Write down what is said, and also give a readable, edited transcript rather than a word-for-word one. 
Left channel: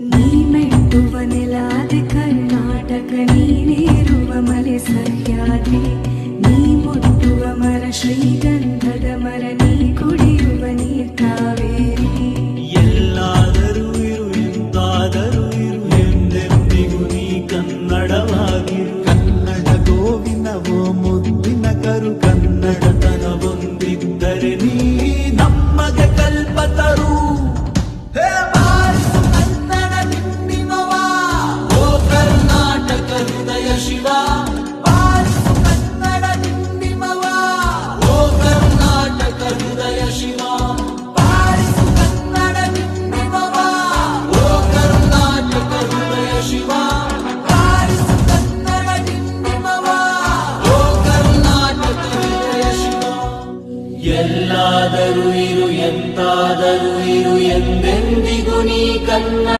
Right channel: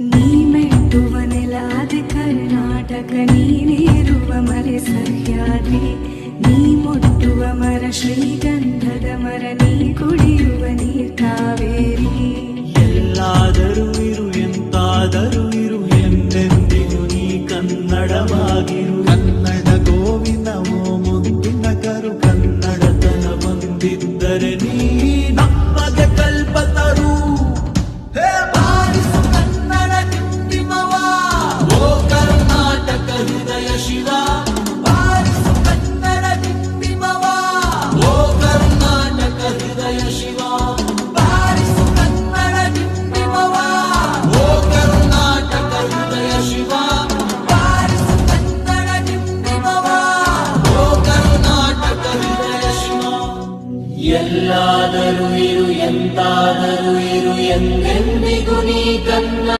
ನೀ ಮೆಟ್ಟುವ ನೆಲಾದೆ ಕರ್ನಾಟಕ, ನೀನೇರುವ ಮಲೆ ಸಹ್ಯಾದ್ರಿ, ನೀ ಮುಟ್ಟುವ ಮರ ಶ್ರೀಗಂಧದ ಮರ, ನೀ ಕುಡಿಯುವ ನೀರ್ ಕಾವೇರಿ. ಎಲ್ಲಾದರೂ ಇರು ಎಂತಾದರೂ ಇರು ಎಂದೆಂದಿಗೂ ನೀ ಕನ್ನಡವಾಗಿರು. ಕನ್ನಡ ಗೋವಿನ ಮುದ್ದಿನ ಕರು, ಕನ್ನಡತನ ಬಂದಿದ್ದರೆ ನೀ ನಮಗೆ ಕಲ್ಪತರು. ಹೇ ಬಾರಿಸು ಕನ್ನಡ ಡಿಂಡಿಮವ, ಓ ಕರ್ನಾಟಕ ಹೃದಯ ಶಿವ. ಬಾರಿಸು ಕನ್ನಡ ಡಿಂಡಿಮವ, ಓ ಕರ್ನಾಟಕ ಹೃದಯ ಶಿವ. ಬಾರಿಸು ಕನ್ನಡ ಡಿಂಡಿಮವ, ಓ ಕರ್ನಾಟಕ ಹೃದಯ ಶಿವ. ಬಾರಿಸು ಕನ್ನಡ ಡಿಂಡಿಮವ, ಓ ಕರ್ನಾಟಕ ಹೃದಯ ಶಿವ. ಎಲ್ಲಾದರೂ ಇರು ಎಂತಾದರೂ ಇರು ಎಂದೆಂದಿಗೂ ನೀ ಕನ್ನಡ.